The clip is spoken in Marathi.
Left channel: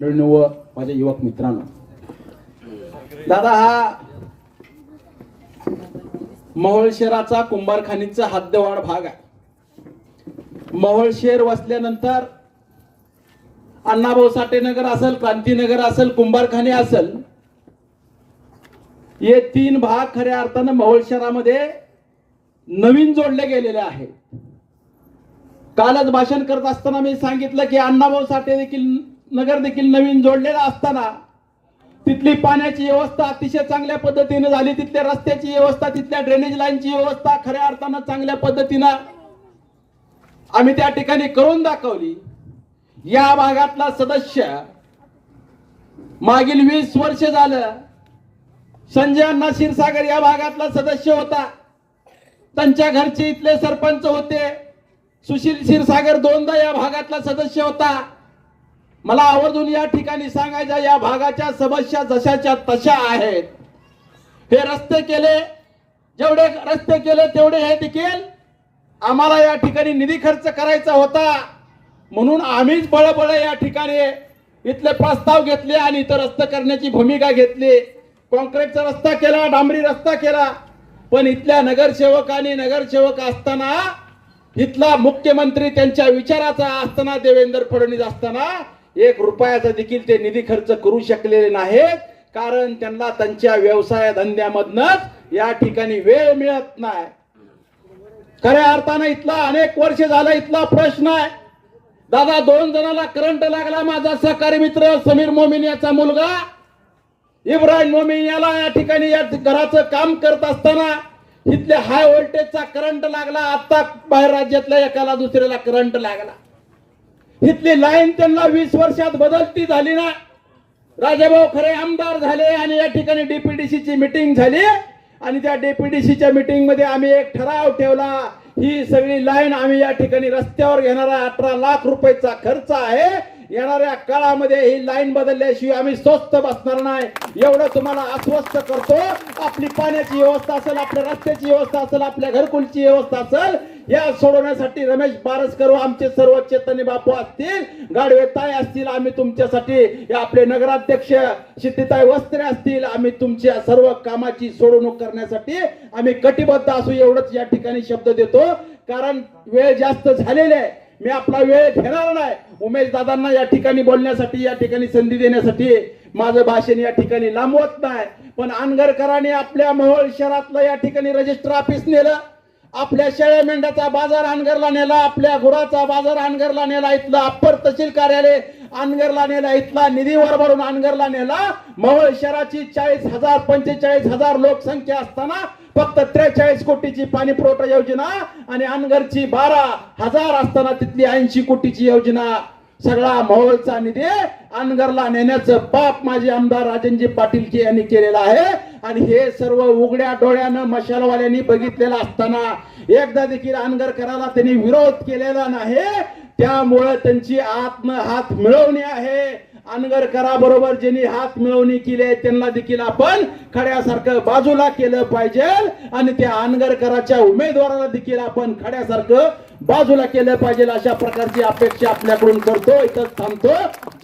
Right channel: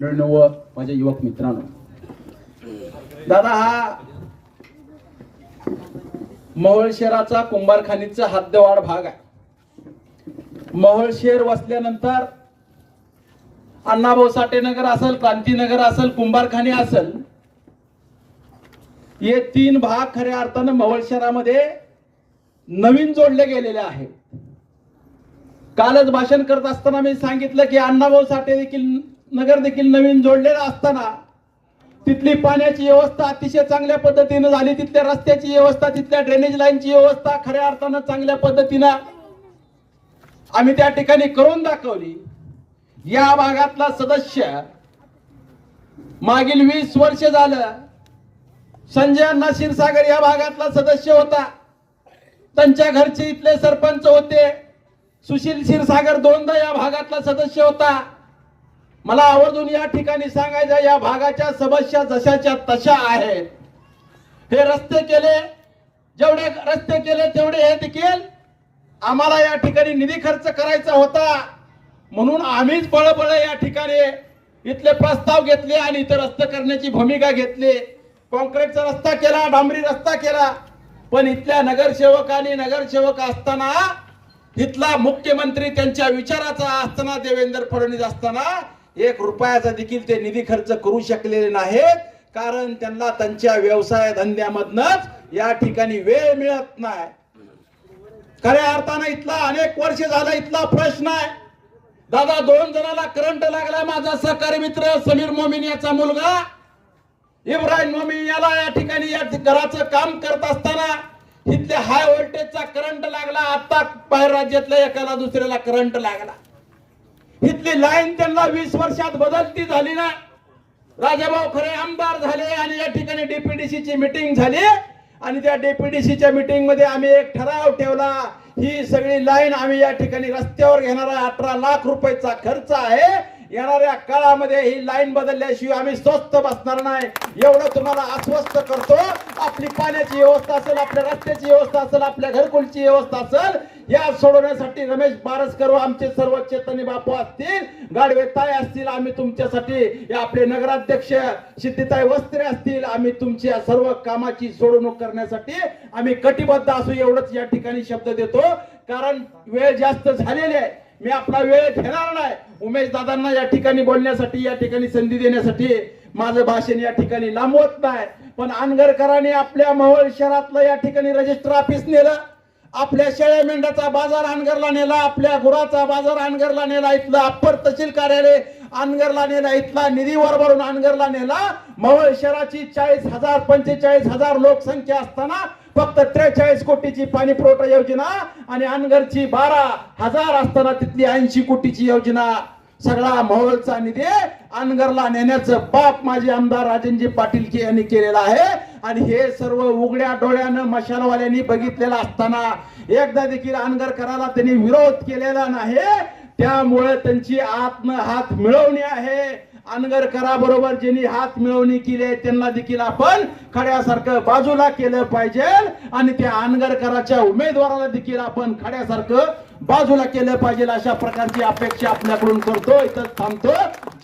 व माझ्या युवक मित्रांनो, दादा हा मोहोळ शहराचा कुंभारखानीचा हद्दवाढ भाग आहे। मोहोळ शहर वसल्यानंतर अण्णाभाऊ साठे नगर असेल, क्रांतीनगर असेल, कुंभारखानी असेल, हे तीन भाग खऱ्या अर्थाने मोहोळ शहरामध्ये नवीन जोडले गेलेले आहेत। कालच भाषण करत असताना मी सांगितलं की अण्णाभाऊ साठे देखील नगर देखील नवीन जोडलेला असताना तिथली पाण्याची व्यवस्था अतिशय चांगल्या पद्धतीने झाली, तिथल्या रस्त्याची व्यवस्था, तिथल्या ड्रेनेज लाईनची व्यवस्था खऱ्या अर्थाने चांगल्या पद्धतीने आम्ही त्या ठिकाणी करून दाखवली। या भागातला सदस्य मागील 20 वर्ष झालं संजय अण्णा क्षीरसागर या भागातला सदस्य होता। त्यांच्या घरचे इथले सरपंच होते। सुशील क्षीरसागर दोनदा या भागातला सदस्य होता। मला आवर्जून या ठिकाणी सांगायचं, या भागाच्या समस्या जशाच्या तशा आहेत। हे रस्ते केले, जेवढे रस्ते केले तेवढे हे देखील आम्हाला या ठिकाणी निधी खर्च करायचा होता, म्हणून आम्हीच बळबळ या ठिकाणी इथले प्रस्ताव घेतले आणि इथं रस्ते करण्याची भूमिका घेतली। कॉन्क्रीटचा रस्ता केला, डांबरी रस्ता केला, पण इथल्या नगरसेवक असताना, इथला मुख्यमंत्री त्यांच्या विचाराचा असताना, देवेंद्र फडणवीस असताना 1 रुपयाचा देखील ते निधी खर्च करू शकलेले नाहीत, कारण त्यांना त्यांच्या व्यवसाय धंद्यामधनच या ठिकाणी वेळ मिळत नाही। खऱ्या अर्थाने इथला अनेक वर्ष झाला इथला प्रश्न आहे। दादा 2 जणांना करंट लागला। माझा सहकारी मित्र समीर मोमीन याचा मुलगा इब्राहिम मोमीन याला या ठिकाणी या घराचं काम करत असताना इथले हाय व्होल्टेजचा करंट लागला। आता बाहेर राज्यातल्या एकाला दुसऱ्याला करंट लागला। इथली लाईन त्यांना 20 वर्षात बदलती झाली ना। राजाभाऊ खरे आमदार झाले आणि या ठिकाणी डीपीडीसीची मीटिंग झाली आणि त्या डीपीडीसीच्या मीटिंग मध्ये आम्ही एक ठराव ठेवला, ही सगळी लाईन आम्ही या ठिकाणी रस्त्यावर घेणारा 18 लाख रुपयाचा खर्च आहे। येणाऱ्या काळामध्ये ही लाईन बदलल्याशिवाय आम्ही स्वस्त बसणार नाही, एवढं तुम्हाला आश्वस्त करतो। आपली पाण्याची व्यवस्था असेल, आपल्या रस्त्याची व्यवस्था असेल, आपल्या घरकुलची व्यवस्था असेल, या सोडवण्यासाठी रमेश बारसकर आमचे सर्व चैतन्य बापू असतील, गाडवे ताई असतील, आम्ही तुमच्यासाठी आपले नगराध्यक्ष सिद्धीताई वस्त्रे असतील, आम्ही तुमच्या सर्व कामाची सोडवणूक करण्यासाठी आम्ही कटिबद्ध असू, एवढंच या ठिकाणी शब्द देतो। कारण वेळ जास्त झालेली आहे, मी आपला वेळ घेणार नाही। उमेश दादांना या ठिकाणी बोलण्यासाठी, या ठिकाणी संधी देण्यासाठी माझं भाषण या ठिकाणी लांबवत नाही। पण अनगरकरांनी आपल्या मोहोळ शहरातलं या ठिकाणी रजिस्टर ऑफिस नेलं, आपल्या शेळ्या मेंढ्याचा बाजार अनगरला नेला, आपल्या गुराचा बाजार अनगरला नेला, इथलं अप्पर तहसील कार्यालय अनगरला नेला, इथला निधी वरभरून अनगरला नेला। मोहोळ शहराची 40,000 45,000 लोकसंख्या असताना फक्त 43 कोटीची पाणी पुरवठा योजना आणि अनगरची 12,000 असताना तिथली 80 कोटीची योजना, सगळा मोहोळचा निधी अनगरला नेण्याचं पाप माझे आमदार राजनजी पाटील यांनी केलेलं आहे। आणि हे सर्व उघड्या डोळ्यानं मशालवाल्यांनी बघितलेलं असताना एकदा देखील अनगरकराला त्यांनी विरोध केलेला नाही। त्यामुळे त्यांची हात मिळवणी आहे। अनगरकरा बरोबर ज्यांनी हात मिळवणी केली त्यांना देखील आपण खड्यासारखं बाजूला केलं पाहिजे आणि त्या अनगरकराच्या उमेदवाराला देखील आपण खड्यासारखं बाजूला केलं पाहिजे, अशा प्रकारची अपेक्षा आपल्याकडून करतो। इथंच थांबतो।